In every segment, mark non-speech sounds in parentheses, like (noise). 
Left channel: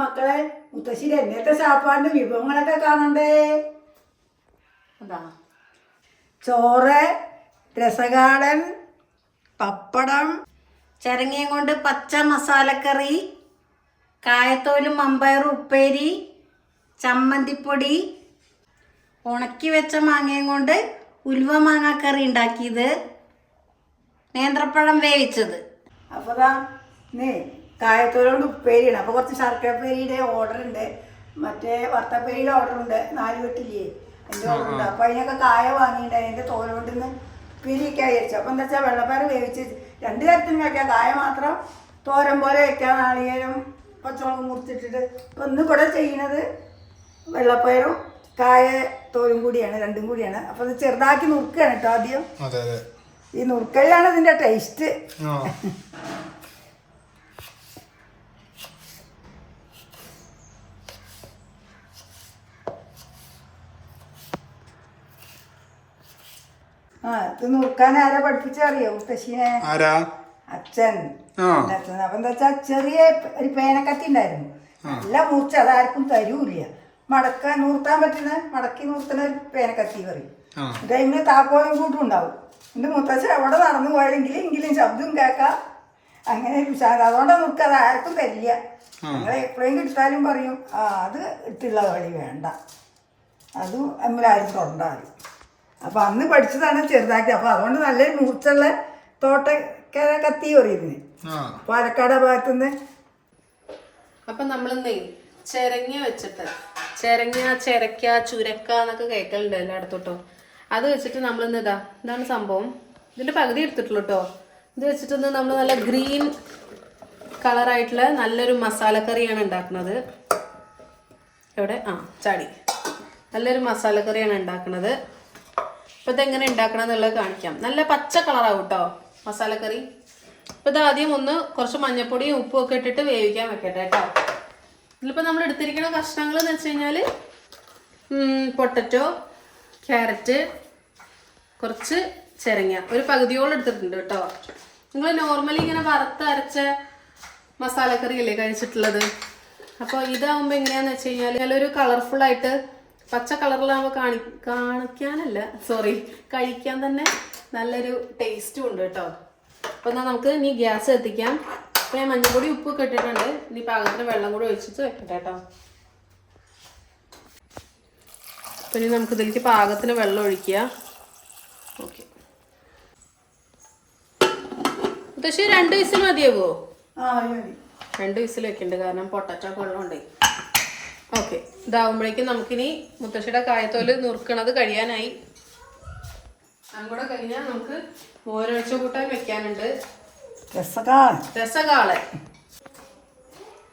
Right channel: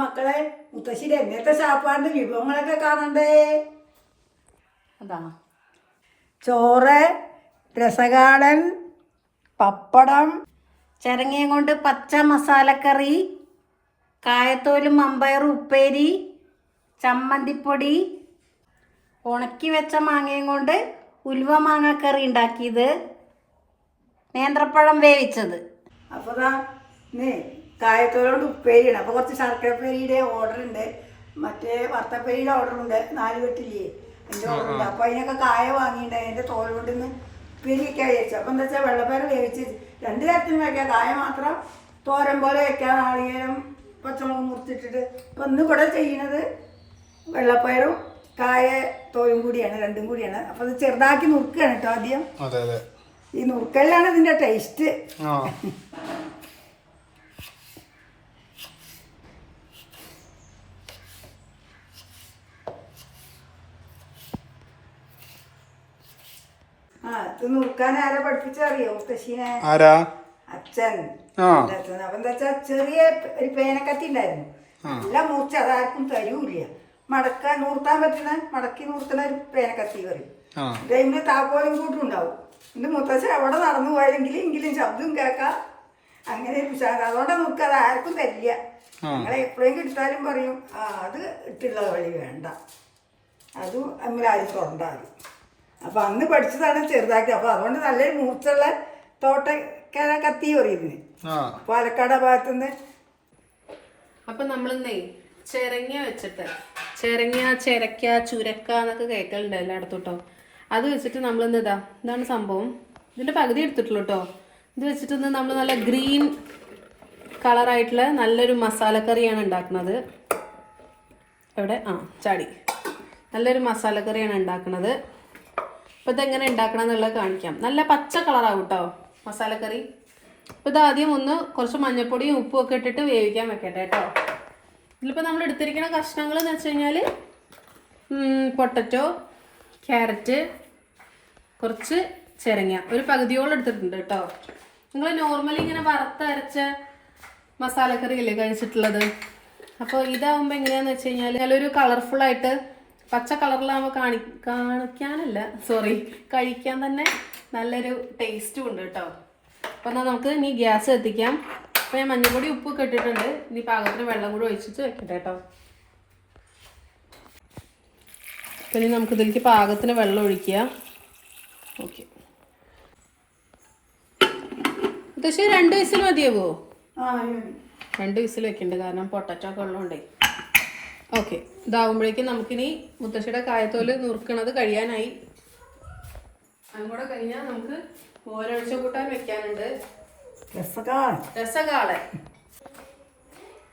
മക്കളെ മുത്തശ്ശിയുടെ എന്നത്തെ സാപ്പാടിന്റെ വിഭവങ്ങളൊക്കെ കാണണ്ടേ? എന്താണ് ചോറ് രസകാടൻ പപ്പടം ചരങ്ങയും കൊണ്ട് പച്ച മസാലക്കറി കായത്തോലും അമ്പയറും ഉപ്പേരി ചമ്മന്തിപ്പൊടി ഉണക്കി വെച്ച മാങ്ങയും കൊണ്ട് ഉലുവ മാങ്ങാക്കറി ഉണ്ടാക്കിയത് നേന്ത്രപ്പഴം വേവിച്ചത്. അപ്പോൾ നീ കായത്തോലോട് ഉപ്പേരിയാണ്. അപ്പോൾ കുറച്ച് ശർക്കരപ്പേരിയുടെ ഓർഡർ ഉണ്ട്. മറ്റേ വർത്തപ്പേരിയുടെ ഓർഡർ ഉണ്ട്. നാല് വെട്ടില്ലേ? ഓർഡർ ഉണ്ട്. അപ്പോൾ അതിനൊക്കെ കായ വാങ്ങിയിട്ടുണ്ട്. അതിന്റെ തോലോണ്ട് നിന്ന് ഉപ്പേരിയൊക്കെ വിചാരിച്ചു അപ്പോൾ എന്താ വെച്ചാൽ വെള്ളപ്പയർ വേവിച്ച് രണ്ട് തരത്തിലും വയ്ക്കാം കായ മാത്രം തോരൻ പോലെ വയ്ക്കാം നാളികേരം പച്ചമുളക് മുറിച്ചിട്ടിട്ട്. അപ്പോൾ ഇന്ന് കൂടെ ചെയ്യുന്നത് വെള്ളപ്പയറും കായ തോലും കൂടിയാണ്. രണ്ടും കൂടിയാണ്. അപ്പോൾ അത് ചെറുതാക്കി നുറുക്കുകയാണ് കേട്ടോ ആദ്യം. ഈ നുറുക്കലിലാണ് ഇതിന്റെ ടേസ്റ്റ് (laughs) ആ ഇത് നുറുക്കാൻ ആരെ പഠിപ്പിച്ചറിയോ മുത്തശ്ശീനെ? ആരാ? അച്ഛൻ. ആ. ഉണ്ടാക്കുന്നത്. അപ്പൊ എന്താ ചെറിയ ഒരു പേനക്കത്തി ഉണ്ടായിരുന്നു. നല്ല മൂർച്ച അതാർക്കും തരൂല്ല. മടക്കാൻ നൂർത്താൻ പറ്റുന്ന മടക്കി നൂർത്തുന്ന ഒരു പേനക്കത്തി കറി അതിന്റെ താക്കോലും കൂട്ടും ഉണ്ടാവും. എന്റെ മുത്തച്ഛൻ എവിടെ നടന്നു പോയെങ്കിൽ എങ്കിലും ശബ്ദം കേൾക്കാം. അങ്ങനെ ഉഷാറ് അതുകൊണ്ടാണ് നോക്കുക അത് ആർക്കും തരില്ല. നിങ്ങൾ എപ്പോഴെങ്കിലും എടുത്താലും പറയും ആ അത് ഇട്ടുള്ള വഴി വേണ്ട. അതും അമ്മലാരും തൊണ്ടാറ് അപ്പൊ അന്ന് പഠിച്ചതാണ് ചെറുതാക്കി അപ്പോൾ അതുകൊണ്ട് നല്ല മൂർച്ചുള്ള തോട്ടക്കാരാ കത്തി പറയുന്നത് ആ. പാലക്കാട് ആ ഭാഗത്തുനിന്ന് അപ്പം നമ്മളിന്നേ ചിരങ്ങ വെച്ചിട്ട് ചിരങ്ങ ചിരക്ക ചുരക്ക എന്നൊക്കെ കേൾക്കലുണ്ട് എല്ലായിടത്തോട്ടോ. അത് വെച്ചിട്ട് നമ്മളിന്ന് ഇതാ ഇതാണ് സംഭവം. ഇതിന്റെ പകുതി എടുത്തിട്ടുള്ളൂ കേട്ടോ ഇത് വെച്ചിട്ട് നമ്മൾ നല്ല ഗ്രീൻ കളറായിട്ടുള്ള നല്ലൊരു മസാലക്കറിയാണ് ഉണ്ടാക്കുന്നത്. എവിടെ? ആ ചാടി. നല്ലൊരു മസാലക്കറിയാണ് ഉണ്ടാക്കുന്നത്. അപ്പോൾ ഇതെങ്ങനെ ഉണ്ടാക്കണം എന്നുള്ളത് കാണിക്കാം. നല്ല പച്ച കളറാവും കേട്ടോ മസാലക്കറി അപ്പോൾ ഇത് ആദ്യം ഒന്ന് കുറച്ച് മഞ്ഞൾപ്പൊടിയും ഉപ്പും ഒക്കെ ഇട്ടിട്ട് വേവിക്കാൻ വെക്കട്ടെ കേട്ടോ ഇതിലിപ്പോൾ നമ്മൾ എടുത്തിരിക്കുന്ന കഷ്ണങ്ങൾ എന്ന് വെച്ച് കഴിഞ്ഞാൽ പൊട്ടറ്റോ ക്യാരറ്റ് കുറച്ച് ചെരങ്ങ. ഒരു പകുതിയോളം എടുത്തിട്ടുണ്ട് കേട്ടോ നിങ്ങൾ നോർമലി ഇങ്ങനെ വറുത്ത് അരച്ച മസാലക്കറി അല്ലേ കഴിച്ചിട്ടുള്ളത്? അപ്പോൾ ഇതാവുമ്പോൾ എങ്ങനെയാന്ന് വെച്ച് കഴിഞ്ഞാൽ കളർഫുൾ ആയിട്ട് പച്ച കളറിലാകുമ്പോൾ കാണി കാണിക്കാനല്ല സോറി കഴിക്കാൻ തന്നെ നല്ലൊരു ടേസ്റ്റും ഉണ്ട് കേട്ടോ അപ്പം എന്നാൽ നമുക്ക് ഇനി ഗ്യാസ് എത്തിക്കാം. അപ്പം ഞാൻ മഞ്ഞൾപ്പൊടി ഉപ്പ് കെട്ടിട്ടുണ്ട് ഇനി പാകത്തിന് വെള്ളം കൂടി ഒഴിച്ചിട്ട് വെക്കട്ടെ കേട്ടോ പിന്നെ നമുക്ക് ഇതിലേക്ക് പാകത്തിന് വെള്ളം ഒഴിക്കുക. ഓക്കെ. പക്ഷേ രണ്ട് വയസ്സിൽ മതിയാവോ? രണ്ട് വയസ്സിൽ വെക്കുന്നുണ്ട് കാരണം പൊട്ടറ്റോ വെള്ളം ഉള്ളതുകൊണ്ടേ ഓക്കെ. ഇതാവുമ്പോഴേക്കും നമുക്കിനി മുത്തശ്ശിയുടെ കായത്തോൽ നുറുക്കണത് കഴിയാനായി. അതും കൂടെ കഴിഞ്ഞാൽ നമുക്ക് ഓരോഴ്ച കൂട്ടാൻ വെക്കാനുണ്ട്. രസകാളെ.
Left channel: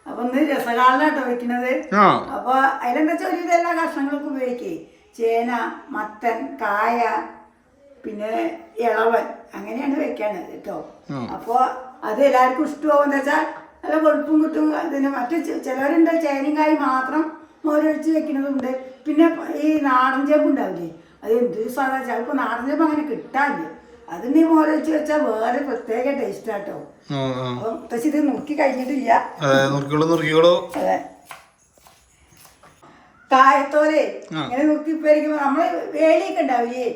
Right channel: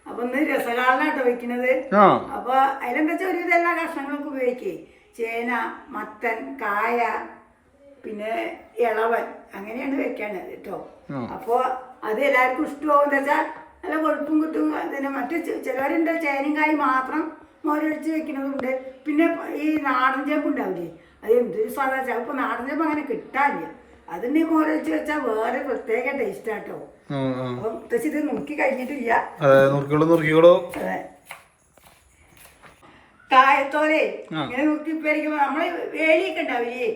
അപ്പൊ ഇന്ന് രസകാളിനാട്ടോ വെക്കുന്നത് ആ. അപ്പൊ അതിലെന്താ വെച്ചാൽ ഒരുവിധം എല്ലാ കഷ്ണങ്ങൾക്കും ഉപയോഗിക്കേ. ചേന മത്തൻ കായ പിന്നെ ഇളവൻ അങ്ങനെയാണ് വെക്കാണ് കേട്ടോ. അപ്പോ അപ്പൊ അത് എല്ലാവർക്കും ഇഷ്ടമാവും എന്താ വെച്ചാൽ നല്ല വെളുപ്പും കിട്ടും. പിന്നെ മറ്റു ചിലരുണ്ട് ചേനയും കായും മാത്രം മോരൊഴിച്ച് വെക്കുന്നതുണ്ട്. പിന്നെ ഈ നാടൻ ചേമ്പ് ഉണ്ടാവില്ലേ അത് എന്ത് സാധാ ചിലപ്പോൾ നാടൻ ചേമ്പ് അങ്ങനെ കിട്ടാനില്ല. അതിന് മോരൊഴിച്ച് വെച്ചാൽ വേറെ പ്രത്യേക ടേസ്റ്റ് ആട്ടോ അപ്പൊ ഇത് നോക്കി കഴിഞ്ഞിട്ടില്ല. അതെ. കായത്തോലെ. ഇങ്ങനെ നോക്കിപ്പോയിരിക്കുമ്പോ നമ്മൾ വേലിയൊക്കെ ഉണ്ടാവില്ലേ?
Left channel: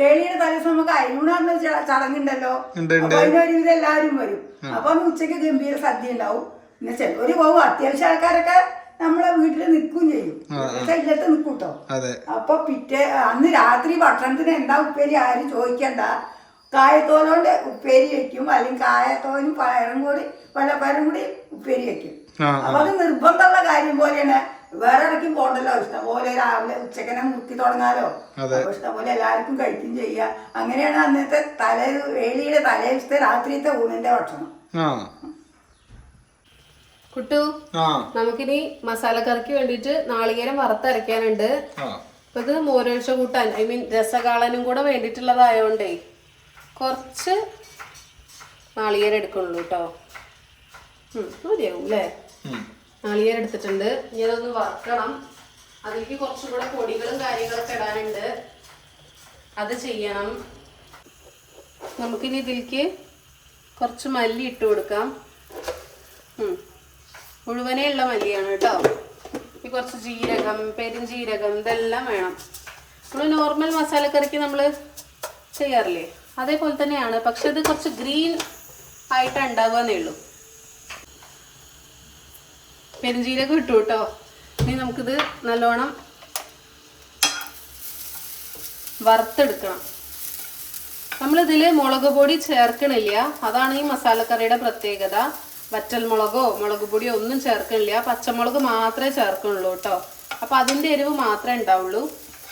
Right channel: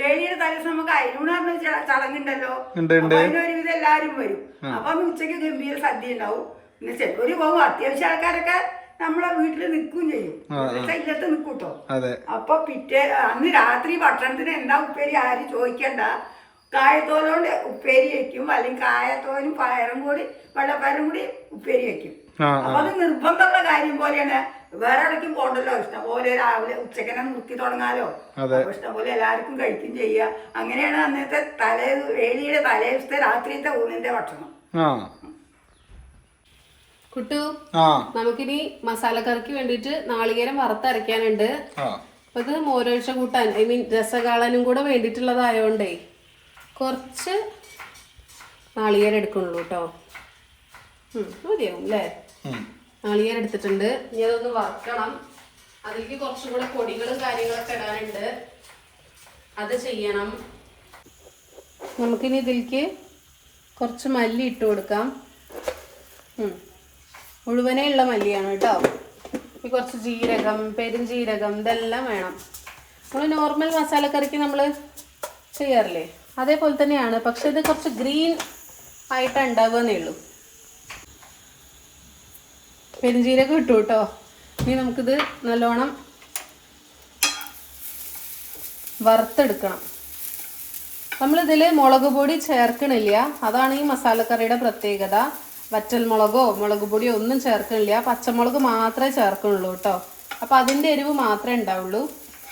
വേലിയുടെ തലേദിവസം നമുക്ക് അയലൂണാറിന് ചടങ്ങുണ്ടല്ലോ. അതിനൊരുവിധം എല്ലാവരും വരും. അപ്പൊ അന്ന് ഉച്ചയ്ക്ക് ഗംഭീര സദ്യ ഉണ്ടാവും. പിന്നെ ചിലവര് പോകും അത്യാവശ്യം ആൾക്കാരൊക്കെ നമ്മളെ വീട്ടിൽ നിൽക്കുകയും ചെയ്യും. ഇല്ലത്ത് നിൽക്കൂട്ടോ അപ്പൊ പിറ്റേ അന്ന് രാത്രി ഭക്ഷണത്തിന് എന്താ ഉപ്പേരി ആരും ചോദിക്കണ്ട. കായത്തോലോണ്ട് ഉപ്പേരി വെക്കും. അല്ലെങ്കിൽ കായത്തോലും പയറും കൂടി വെള്ളപ്പയറും കൂടി ഉപ്പേരി വെക്കും. അപ്പൊ അത് നിർബന്ധമുള്ള കാര്യം പോലെയാണ് വേറെ ഇടയ്ക്കും പോകണ്ടല്ലോ. ഇഷ്ടംപോലെ രാവിലെ ഉച്ചക്കനെ മുക്കി തുടങ്ങാലോ. ഇഷ്ടംപോലെ പോലെ എല്ലാവർക്കും കഴിക്കും ചെയ്യാം. അങ്ങനെയാണ് അന്നത്തെ തലേ വേലിയുടെ തലേ ദിവസത്തെ രാത്രിയത്തെ ഊണിന്റെ ഭക്ഷണം. കുട്ടു നമുക്കിനി മസാലക്കറിക്ക് വേണ്ടിയിട്ട് നാളികേരം വറുത്തരയ്ക്കാനുണ്ട്. ആ. അപ്പൊ ഇത് മോരൊഴിച്ച കൂട്ടാൻ ഐ മീൻ രസകാളനും കൂടെ വേണ്ടിയിട്ടുള്ളതായോണ്ടേ കുറച്ച് നാളികേരം എടുക്കുള്ളൂ കേട്ടോ മതിയാവും അല്ലേ. നാളികേരം എടുത്തിട്ടുണ്ട്. ഇനി അതൊന്ന് വറക്കണം. അതിലേക്ക് കുറച്ചും കൂടെ പൊടികളും കാര്യങ്ങളൊക്കെ ഇടാനുണ്ട്. അത് ചെയ്യണം. നമുക്കിനി ഇതിലേക്ക് കുറച്ച് മല്ലി ഇട്ട് കൊടുക്കാം. മുഴുവനേ ഉള്ള മല്ലിയാണ് കേട്ടോ. ഈ കുറച്ച് ജീരകം പെരുംജീരകം ഇതെല്ലാം വേണം. നമ്മൾ നോർമൽ മസാലക്കറിക്ക് നമ്മൾ ചെയ്യാറില്ലേ? അതേപോലെ തന്നെയാണ്. പക്ഷെ ഇത് കുറച്ച് ഗ്രീൻ ആയിട്ട് എന്നേ ഉള്ളൂ. പെരുംജീരകം ഇട്ടു കേട്ടോ. ഇനി നമുക്കിത് നല്ലോണം വറുത്തെടുക്കണം. നമ്മളിതിൽ മുളക് പൊടി ചേർക്കണില്ല. അതാണ് ഈ മസാലക്കറിയുടെ പ്രത്യേകത. വറ്റൽ മുളകോ മുളക് പൊടിയോ ഒന്നും ചേർക്കണില്ല. പച്ചമുളക് മാത്രമേ ചേർക്കുള്ളൂ കേട്ടോ. അപ്പം അതിന്റെ എരിവ് മാത്രമേ ഉണ്ടാവുള്ളൂ.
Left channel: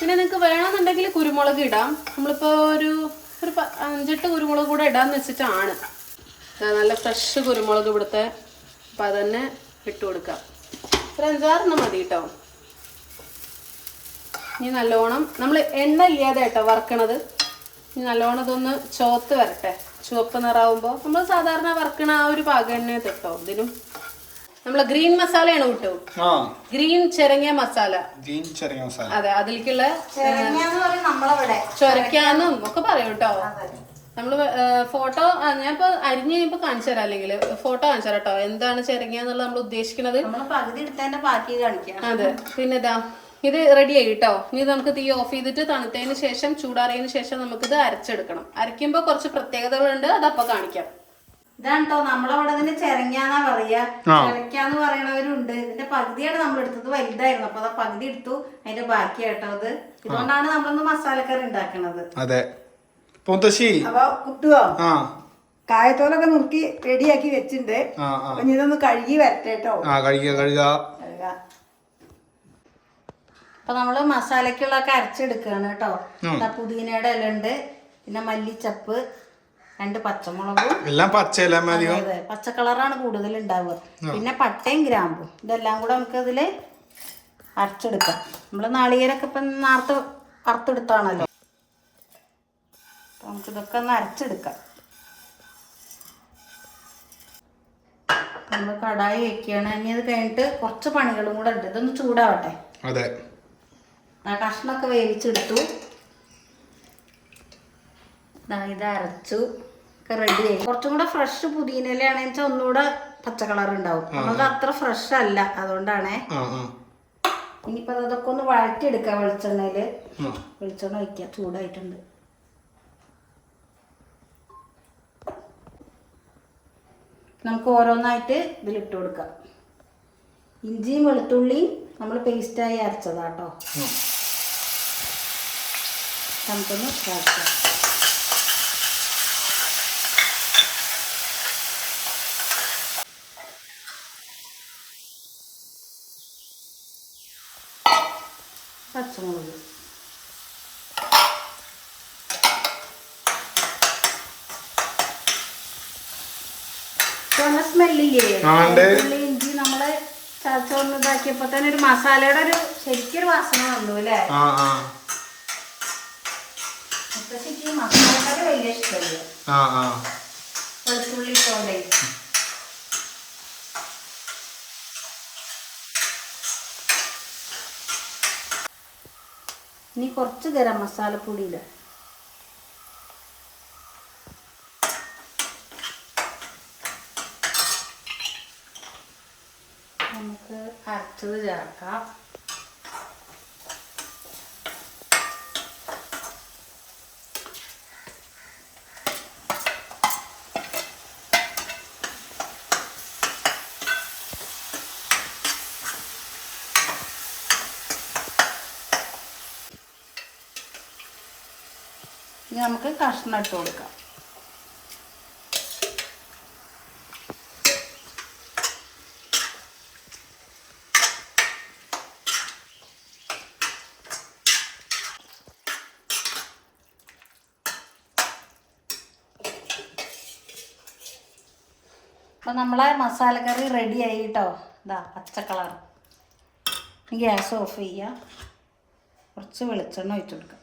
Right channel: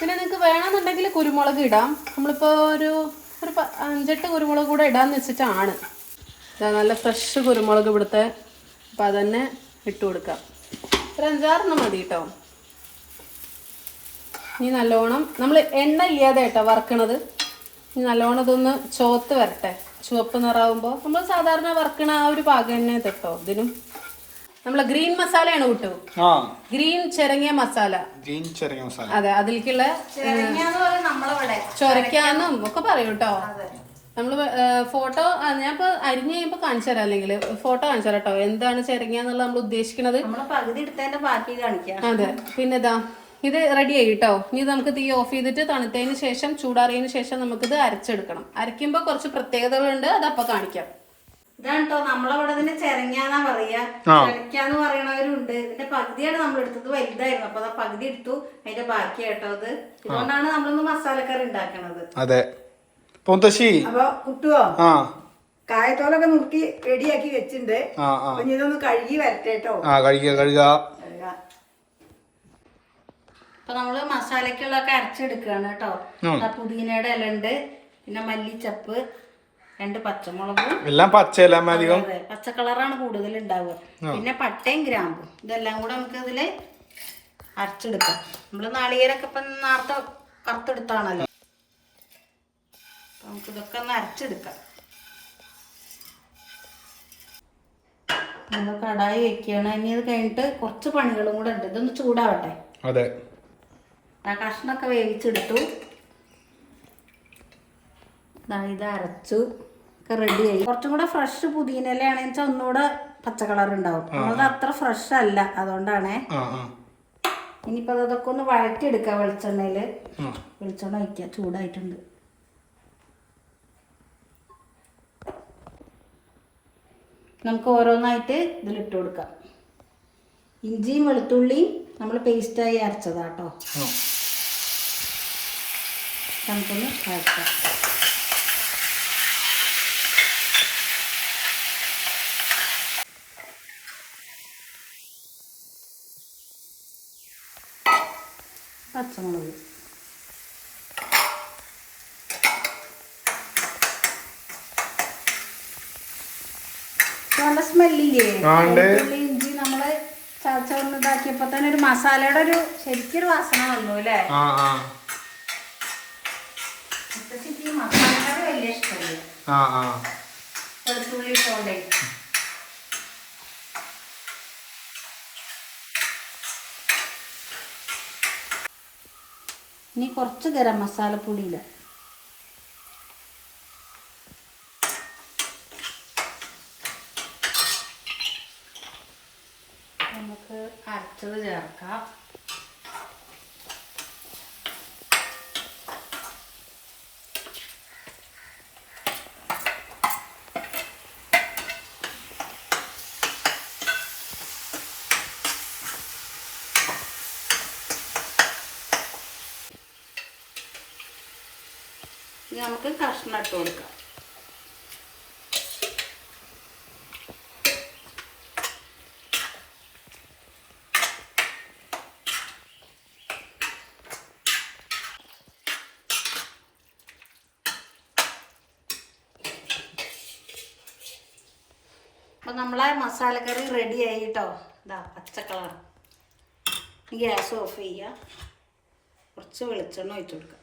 പിന്നെ നിങ്ങൾക്ക് വേണമെന്നുണ്ടെങ്കിൽ കുരുമുളക് ഇടാം. നമ്മളിപ്പോൾ ഒരു ഒരു അഞ്ചെട്ട് കുരുമുളക് കൂടെ ഇടാമെന്ന് വെച്ചിട്ടാണ്. നല്ല ഫ്രഷ് കുരുമുളക് ഇവിടുത്തെ. അപ്പം അതന്നെ ഇട്ട് കൊടുക്കാം. ഒരു അഞ്ചാറെണ്ണം മതി കേട്ടോ ഇനി നല്ലോണം നമ്മൾ എണ്ണ ഇല്ലാതെ കേട്ടോ വറക്കണത്. ഇനി നല്ലോണം ഇതൊന്ന് ചോത്ത് വരട്ടെ. ചുവപ്പ് നിറാവുമ്പോൾ നമ്മൾ സാധാരണ വറക്കണ ആ ഒരു പാക എണ്ണ കേട്ടോ ഇതിനും. നമ്മൾ ഗ്രീൻ മസാലയാണ് കിട്ടു. ആ. ഗ്രീൻ ചെറങ്ങിയ മസാല. ഗ്രീൻ ചെറിയ മസാല. അതെ അതിലേക്കുള്ള ചൊരക്കാന്നും ഒക്കെ പറയും നമ്മൾ ഫോട്ടോ ഞാൻ ഇപ്പൊ അരിഞ്ഞ് കഴിയുമ്പോ കാണിച്ചു തരാം അല്ലെങ്കിൽ ഫോട്ടോ കാണിച്ചു തരാം കേട്ടോ. എന്താണ് ചിരങ്ങിയാന്നുള്ളത് നമ്മൾ ഉദ്ദേശിക്കുന്നത്. അതെ. പിന്നെ ഇതാ ഇത് റെഡി ആയി കേട്ടോ. ഇനി നമുക്ക് തീ ഓഫ് ചെയ്തിട്ട് തണുത്തതിന് ശേഷം ചൂടാറിയതിന് ശേഷം നമുക്ക് ഇത് അരച്ചെടുക്കണം. അരയ്ക്കുമ്പോൾ കുറച്ച് പ്രത്യേകതകളുണ്ട്. അത് അതപ്പോ കാണിക്കാം. ഇതാണ് കേട്ടോ. നമ്മളവിടെ തന്നെ ചെരങ്ങാന്നാ പറയാ. ചെരക്കാന്ന് പറയണവരുണ്ട് ഇതിന്റെ പകുതിയാണ് നമ്മൾ എടുത്തത്. വലുതായിരുന്നു. അപ്പൊ അതാ പകുതി എടുത്തു. അതിന്റെ ബാക്കി കേട്ടോ അത്. ഇതുകൊണ്ടാണ് നമ്മളൊന്ന് മസാലക്കറി ഉണ്ടാക്കണത്. അതെ. മുത്തശ്ശി അപ്പൊ കുട്ടുവോ ആ. കായത്തോലൊക്കെ നുറുക്കി റെഡിയാക്കി വെച്ചിട്ടുണ്ട്. ആ ആ. അപ്പൊ ഇനി ഇതൊന്ന് കഴുകി വരട്ടെ കേട്ടോ ആ കഴുകുക കഴുകുക അപ്പൊ നമ്മൾ മസാലക്കുള്ളൊക്കെ അരച്ചെടുക്കുകയാണ് കേട്ടോ ഉം. ദാ പുതിനയുടെ ഇല ഉണ്ട് പിന്നെ മല്ലിച്ചപ്പ് രണ്ട് പച്ചമുളകും. എല്ലാം പച്ചയല്ല അമ്മ അധികം അതെ പച്ച കളറാണ് കൂടുതൽ ഉണ്ടാവുക. പിന്നെ പട്ടയും ഗ്രാമ്പും. ഇതെല്ലാം കൂടെ നമുക്ക് ഇതിൽ അരച്ചെടുക്കാം. നമ്മൾ നാളികേരൊക്കെ ഇപ്പം നേരത്തെ വറുത്തെടുത്താണല്ലോ. അപ്പൊ നമുക്ക് ഇതൊക്കെ ഒന്ന് അരച്ചെടുക്കാം നമ്മൾ കടായി വെക്കുകയാണ്. ഇനി ഇത് കഴിഞ്ഞിട്ട് കുറച്ച് പണികളും കൂടെ ഉണ്ട്. ഇതൊന്ന് ചൂടാവട്ടെ. അതെ. ആ കഷ്ണമൊക്കെ വേവിച്ചെടുത്തു. ഇത് അരച്ചു. ഒക്കെ ആയി. കുറച്ചും കൂടെ ഫ്രഷ് പുതിനയിലാണെന്ന് വെച്ചാൽ ഒന്നുകൂടെ പച്ച കളർ ഉണ്ടാവും. നമുക്ക് അത്ര ഫ്രഷ് അല്ല. അതുകൊണ്ടാണേ. ഇനിയിപ്പോൾ അതൊക്കെ ഒന്ന് വഴറ്റി എടുക്കാം വെളിച്ചെണ്ണയിൽ വെളിച്ചെണ്ണ ഒഴിക്കുക ചൂടായിട്ടുണ്ട്. നമുക്ക് ഓരോന്നായിട്ട് ഇതിലിട്ട് കൊടുക്കാം. ഇഞ്ചിയും വെളുത്തുള്ളിയും നമ്മൾ പേസ്റ്റായി അരച്ചതാട്ടോ. നമുക്കൊന്ന് വഴറ്റാം പച്ചമുളക്. നല്ല സ്മെല്ലില്ലേ ആ, ഉണ്ട്. വെളുത്തുള്ളി, ഇഞ്ചി നമ്മൾ ചതച്ചോണ്ട് ഇതാക്കിയപ്പോ തന്നെ ഒരു മസാലയുടെ ഒരു ശരിക്കൊരു വാസന വന്നു അല്ലേ? ആ ആ. മുത്തശ്ശിക്ക് ഈ മസാലക്കറി വലിയ ഇഷ്ടമല്ലേ ആ ആ. വെളുത്തുള്ളി ഇട്ടോണ്ടേ. ഇനി കുറച്ച് ഗരം മസാലപ്പൊടി ഇടുക നമുക്ക് അരച്ചത് ചേർക്കാം. ഇനി നമുക്ക് കഷ്ണം ഇട്ട് കൊടുക്കാം അപ്പൊ നമ്മളെ മസാലക്കറി റെഡി ആയി കേട്ടോ ഇതാ പച്ച കളർ ഗ്യാസ് ഓഫ് ചെയ്യുക കുറച്ച് വെളിച്ചെണ്ണ ഒഴിച്ചു കൊടുക്കാം.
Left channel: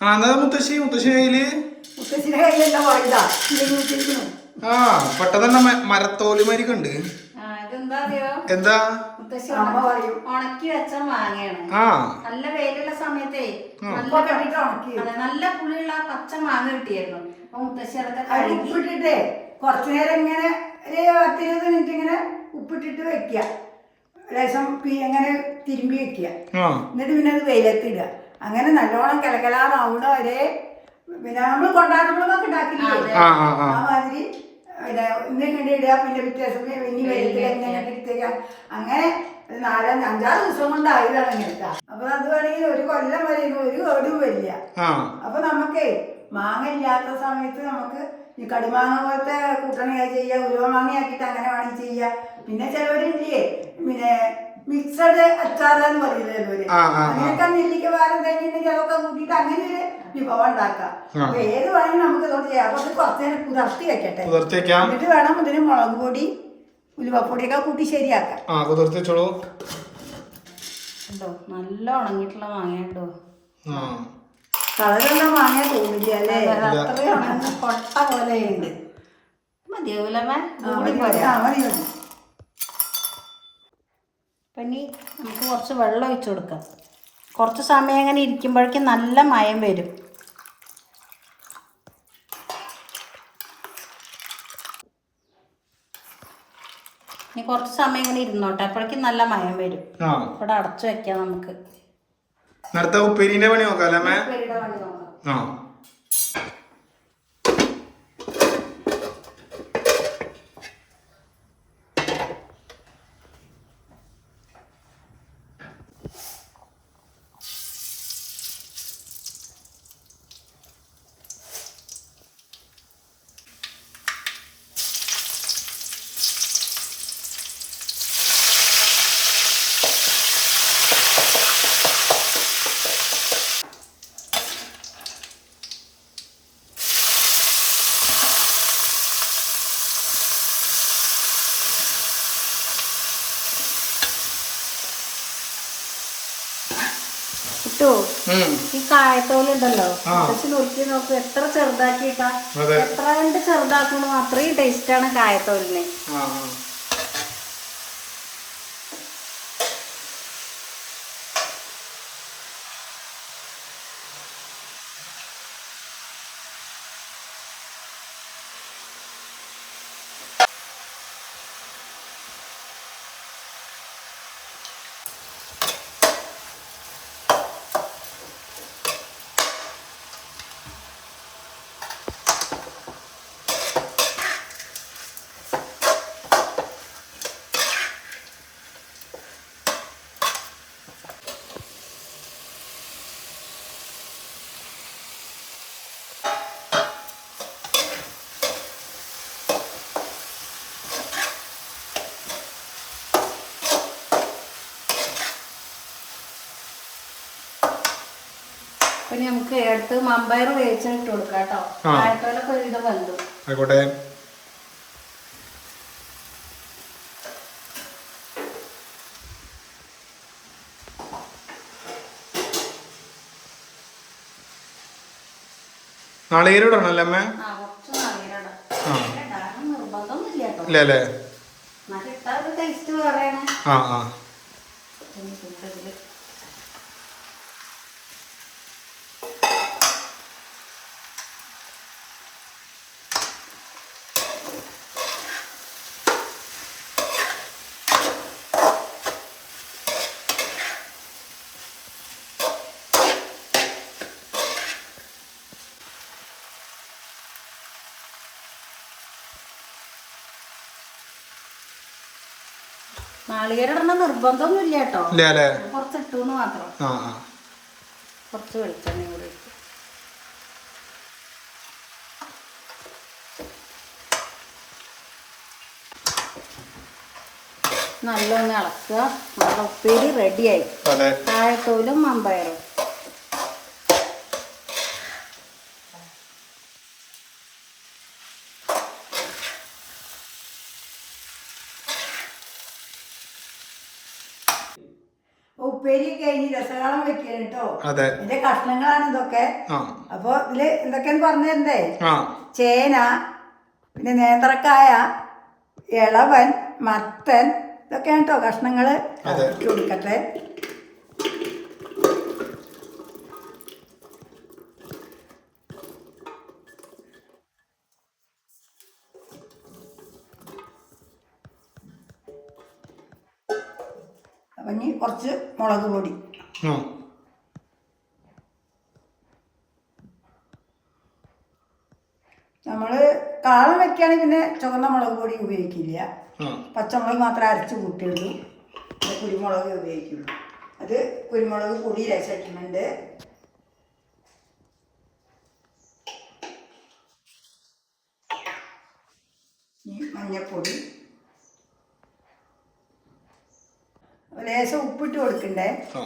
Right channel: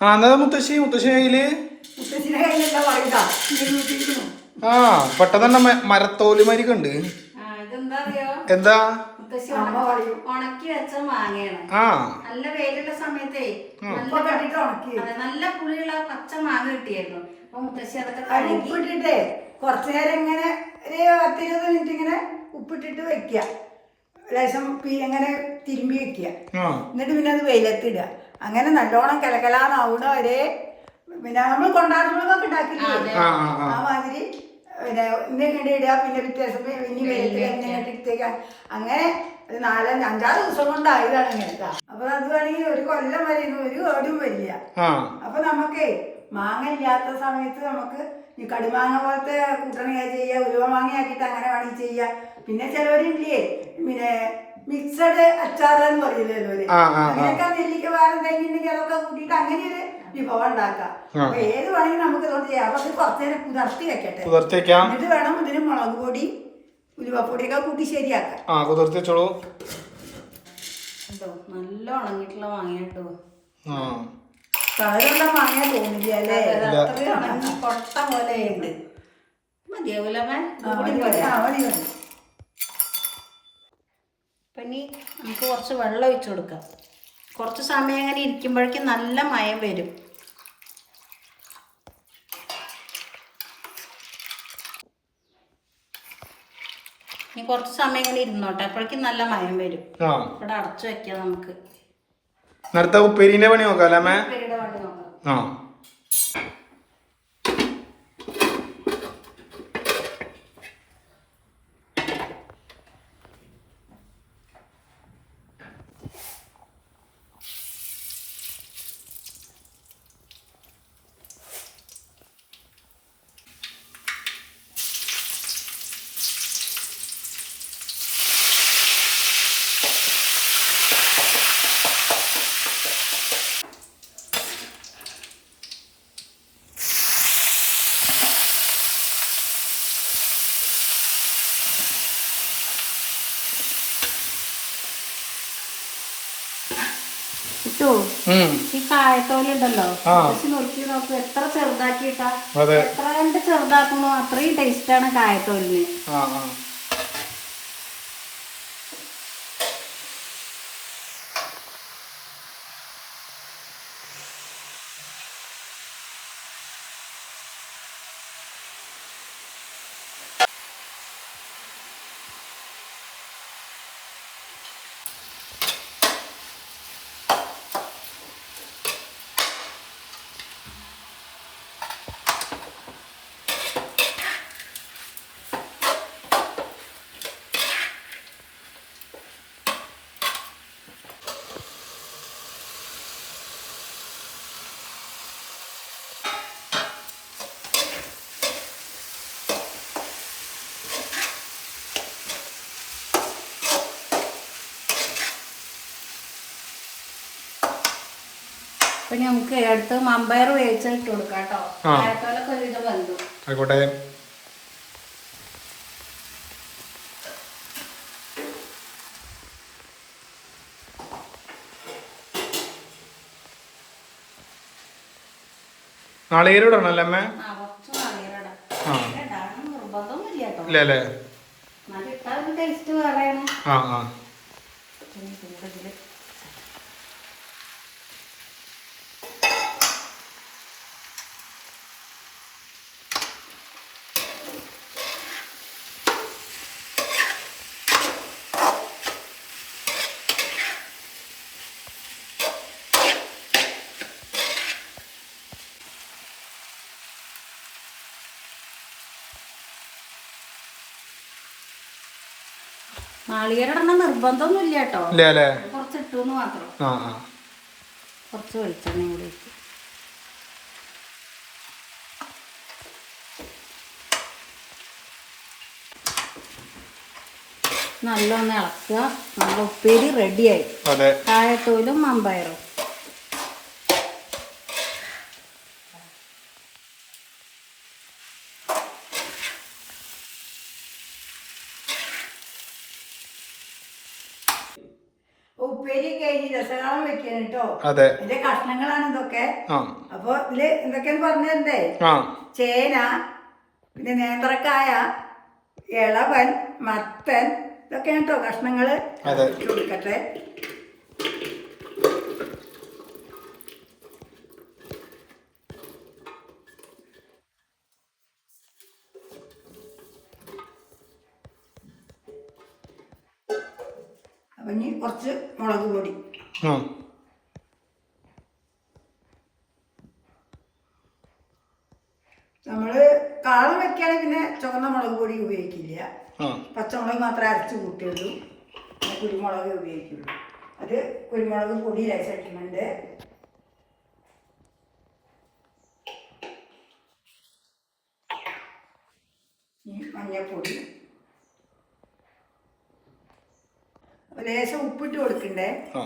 ആ എന്നാ മുത്തശ്ശി? മുത്തശ്ശി കയ്യിൽ? മുത്തശ്ശിയുടെ കയ്യിലെല്ലാം പറയണ്ട ആ പെട്ടെന്ന് തന്നെ മരത്തോൽ മരിക്കുണ്ട് അറിയോ എന്താ? ഉണക്കി വെച്ച മാങ്ങയാണ്. ആ. നല്ല വെയിലുള്ള സമയത്തേ നല്ല പുളിയുള്ള പച്ച മാങ്ങ കിട്ടിയായിരുന്നു. അപ്പൊ മുത്തശ്ശി അതൊക്കെ അത് കഴുകി ഉപ്പിട്ടിട്ടേ കുറച്ചു നേരം ഇങ്ങനെ ഒരു പത്തിരുപത് മിനിറ്റ് ഇങ്ങനെ ഉപ്പിട്ടിട്ട് വെക്കുക. ലേശം പി- ഇങ്ങനെ തിരുമ്പി വെക്കുക. എന്നിട്ട് പിന്നെ അത് വെയിലത്തിടുക അങ്ങനെ നല്ലോണം കിളക്കലാന്നാവണ ഒരേ പിന്നെ നമ്മൾ കൊണ്ടാട്ടങ്ങളൊക്കെ ഉണ്ടാക്കില്ലേ? ആ ആ ആ. ആ മാതിരി പിന്നെ ഇന്ന് ഇങ്ങനെ ഇടുക പിന്നെ വ്യത്യാസം ഇനി വെയിലത്തിൽ എങ്ങനെ എടുത്തേക്കാം അങ്ങനെ നാലഞ്ച് അഞ്ചാറ് ദിവസം കൊണ്ടായതാണ് ഇങ്ങനത്തെ അപ്പൊ അത് വേണമെങ്കിൽ ഒരു കൊല്ലം വരെ ഇത് ഒരു കേടും വരില്ല. അപ്പൊ നമുക്കേ മാങ്ങ ഇല്ലാത്ത സമയത്ത് നമുക്ക് ഈ കടുമാങ്ങ പോലത്തെ കൂട്ടണിയായി ചെയ്യുക ഉലുവ മാങ്ങയാക്കിയിട്ട് അങ്ങനെ വേണമെങ്കിൽ ചെയ്യുക പിന്നെ ചിലവരില്ലേ പിന്നെ മിക്സഡ് അച്ചാർ എന്ന് പറയില്ലല്ലോ. അങ്ങനെയൊക്കെ നെല്ലിക്ക വേറെ എന്തെങ്കിലും ഉണ്ടെങ്കിൽ അതൊക്കെ കൂട്ടിയിട്ട് അങ്ങനെ ഒരു വിഭവം ഉണ്ടാക്കാം. ഏത് വേണമെങ്കിലും നമുക്ക് ഇതോട് ചെയ്യാം. പക്ഷെ അത് കുറച്ച് നേരം പുതർത്തി വെക്കട്ടെ. കുതിർത്തേക്കാം എന്നിട്ട് വേണം ഇതിന് മുളക് പൊടി ഉലുവപ്പൊടിയൊക്കെ കൂട്ടി ശരിയാക്കാം. ആ കുതിർത്തേച്ചോളൂ ഉണ്ടോ നല്ല ഉണങ്ങിയിട്ടുള്ള മാങ്ങയുണ്ടോ ആ. കളറൊന്നും വാങ്ങാൻ തോന്നില്ല അല്ലേ? അത്രയും ഉണങ്ങി കൊട്ട പോലെ ഉണ്ട്. മതിയാവൂലമ്മ. ആ, മതി, മതി. ആ, മതി, മതി. അപ്പം ഇനി നമുക്ക് കുറച്ച് വെള്ളം ഒഴിച്ചു കൊടുക്കാം. കുറച്ച് സമയം അങ്ങനെ ഇരിക്കുമ്പോഴേക്കും നല്ല മയം വരും. ഇനി കുറച്ച് സമയം ഇങ്ങനെ ഇരുന്നോട്ടെ. അപ്പോഴേക്കും നല്ല മയം വരും. ഇവിടെ അടച്ചു വെക്കാം നമുക്ക്. അടുത്ത ഉപ്പേരിന്റെ പണി നോക്കാം. അല്ലേ ആ കിട്ടോ കായത്തോലുണ്ടല്ലോ നുറുക്കി നോക്ക് എത്ര ചെറുതാക്കിയിട്ടാ. അതെ. എത്ര കണ്ട് ചെറുതാക്കണോ അത്രയും ടേസ്റ്റാണ് കായത്തോലിന്. ഇനി നമുക്ക് അടുത്ത് മമ്പയർ ഇട്ട് കൊടുക്കാം കേട്ടോ. ആയിക്കോട്ടെ. നാളികേരം അല്ലേ അമ്മേ ഇല്ല അല്ലേ ആ. ആ കേട്ടോ കുറച്ച് ഇട്ടൂന്ന് മാത്രം. കുറച്ച് വെളിച്ചെണ്ണയും കൂടി ഇട്ടു. നല്ലൊന്ന് ഇളക്കുക. നല്ല ഉപ്പേരി റെഡിയായി കായത്തോലും മമ്പയറും. വെക്കാൻ കേട്ടോ അതെ. ഇതിന്റെ കഷ്ണങ്ങളാണ് ഇതൊക്കെ. അപ്പൊ ഇതിൽ എന്തൊക്കെയാന്ന് പറഞ്ഞതേ ആ. ചേന പിന്നെ നേന്ത്രക്കായ ഇളവൻ മത്തൻ ഇതൊക്കെയാണ് കേട്ടോ കഷ്ണങ്ങൾ. കൊടുക്കട്ടെ ഇനി കുറച്ച് മുളക് പൊടി. നമ്മൾ നമ്മൾ കാളം വെക്കുകയാണെങ്കിൽ പിന്നെ ചുവന്ന മുളക് പൊടി ഉപയോഗിക്കില്ല. പച്ചമുളക് മാത്രം അരച്ച് കൂട്ടിയുള്ളൂ. കുരുമുളക് ഉപയോഗിക്കുള്ളൂ. അത് കുരുമുളക് പൊടി രസിക്കുന്നുണ്ട് മഞ്ഞപ്പൊടി. ലേശം ഉപ്പിട്ട് കൊടുക്കണ്ടേ? ആ.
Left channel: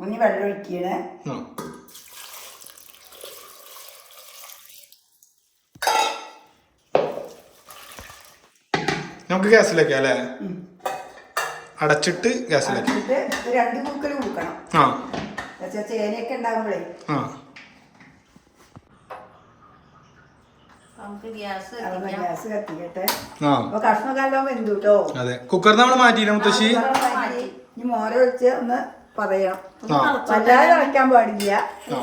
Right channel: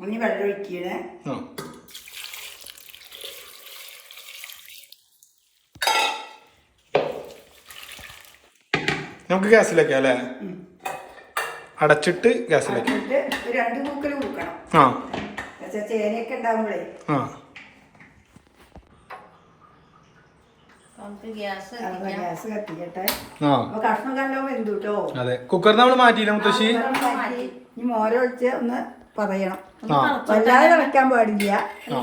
ഇനി വെള്ളം ഒഴിക്കണേ. നമുക്ക് ഗ്യാസിലേക്കാം അല്ലേ? അടച്ചിട്ട് ഗ്യാസിലേക്ക്. രണ്ട് കൂക്കൽ കൊടുക്കണം. ആ. ചേനയൊക്കെ ഉണ്ടാകുമ്പോഴേ ആ. ഗ്യാസ് കത്തിക്കട്ടെ. ആ. അപ്പൊ കഷ്ണം നല്ല വെന്തു കേട്ടോ അതെ. കുക്കർ നമ്മൾ മാറ്റിയില്ല മുത്തശ്ശി? ഇനി മോര ഒഴിച്ച് ഒന്ന് പറയണം. ആ. വല്ലാതെ തിളയ്ക്കാൻ പാടില്ല. ആ.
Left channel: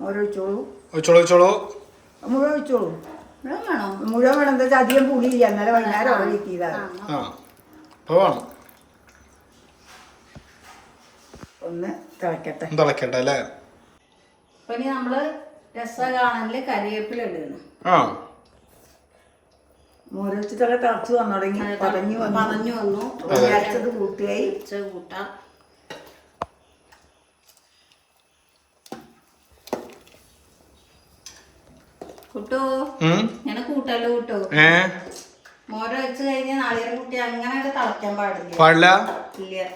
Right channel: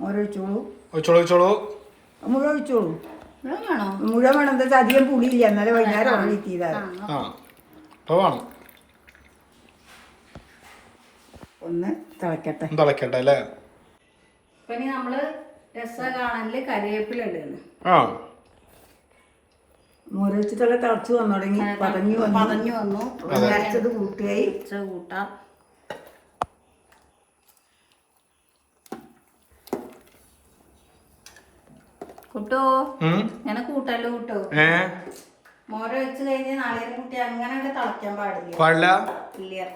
മോര ഒഴിച്ചോളൂ. ഒഴിച്ചോളൂ ഒഴിച്ചോളൂ. മുഴുവൻ ഒഴിച്ചോളൂ. മുഴുവൻ വേണം? എന്താ അധികം പുളിയില്ല. എന്നാലും വൈകുന്നേരം ആ വേണം. ഒന്ന് തിളക്കട്ടെ. ഒന്ന് തിളക്കട്ടെ അല്ലേ? ഇനി നമ്മൾ രസ കാണലിൽ ഇടുന്നു ആ. മോര ഒഴിച്ചിട്ടൊക്കെ തിളച്ച് വന്നു തുടങ്ങി പതഞ്ഞു വന്നു. പതഞ്ഞു വന്നു. അരച്ചത് കൂട്ടുകയായി ഇച്ച് കൂട്ടാം. കൂട്ടോ. ഞാൻ കൂട്ടല്ലോ കൂട്ടോ? മോര വെച്ച് കഴിഞ്ഞാൽ നാളികേരം കുട്ടി അങ്ങനെ അങ്ങട് തിളയ്ക്കാൻ പാടില്ല. പാടില്ല? ഇല്ല.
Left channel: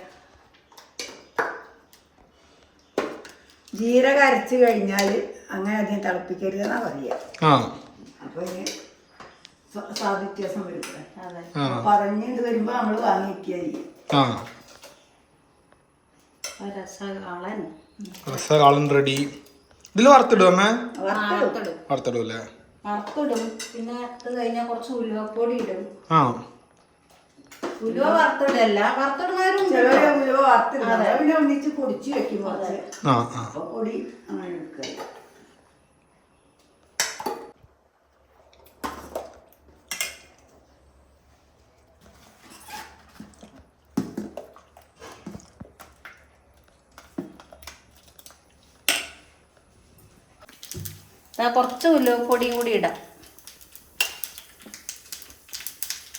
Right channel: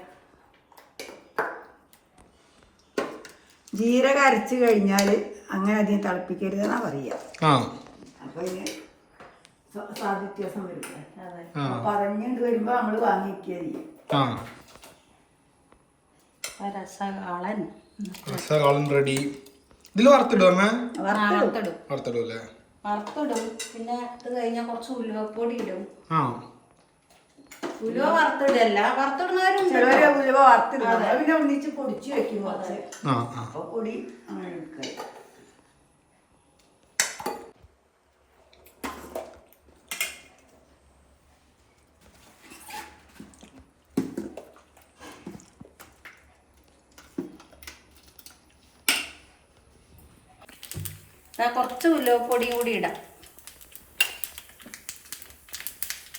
ജീരക അരച്ച് കഴിഞ്ഞാൽ അങ്ങനെ അധികം തിളപ്പിക്കരുതെന്നാ പറയുക ആ. അപ്പൊ ഇനി വ്യത്യാസം വരും അതെ. ആ. പറഞ്ഞിട്ട് വരുമ്പോ നമ്മൾ വാങ്ങിക്കുക ചെയ്യും ആ. അപ്പൊ രസകാളൻ. രസകാളൻ റെഡി. ഇതിൽ വറുത്തിടും അമ്മേ? വറുത്തിടും. അല്ലേ വറുത്തിടും. പിന്നെ ഇത് കഴിഞ്ഞാൽ കുറച്ച് ഉലുവപ്പൊടി ഇടും. ആ. ഉലുവ വറുത്തിടല്ല. വറുത്തിടുന്നവരുണ്ട് ഉലുവ വറുത്തിടും. പിന്നെ ഒന്നിച്ച് പൊടിച്ച് വെക്കും കുറച്ച്. പൊടി അങ്ങനെ എടുക്കുക കുറച്ച് ഉലുവപ്പൊടിയും കൂടി ഇടാം.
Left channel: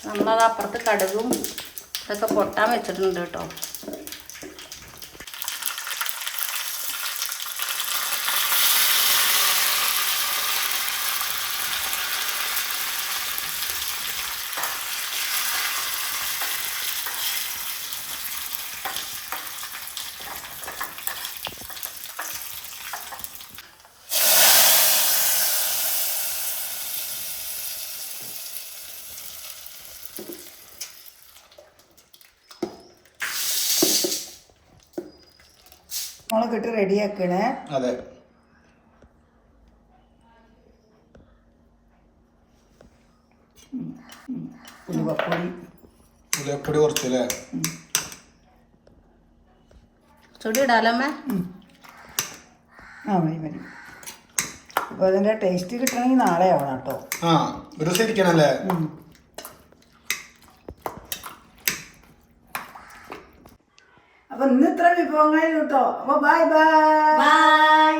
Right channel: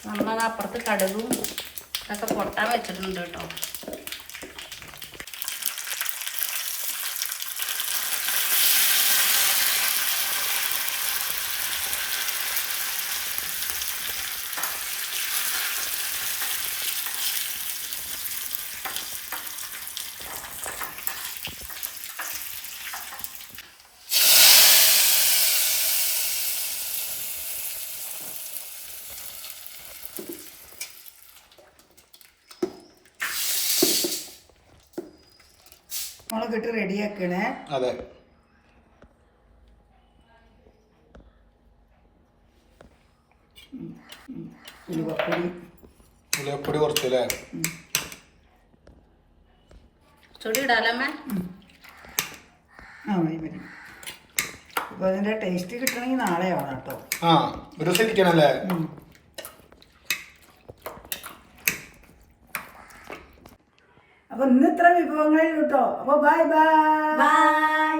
നമ്മളത് അപ്പുറത്ത് കടുകും ഇതൊക്കെ പൊട്ടാൻ വെച്ചിട്ടുണ്ട് കേട്ടോ മുളക് ഇട്ട് റെഡിയാക്കണേ. അതെ. ഉലുവപ്പൊടി. ഉലപ്പൊടി കുറച്ചല്ലേ? ചുടി ഇടാലമ്മേ ആ മതി മതി. അപ്പോൾ അതിന്റെ ടേസ്റ്റ് കിട്ടണമെങ്കിൽ നാളെ ആവണം കേട്ടോ. ആ ഒരു ദിവസം ഇരിക്കണല്ലേ? ഇന്ന് കേട്ടോ. അപ്പോൾ ബൈ ബൈ ബൈ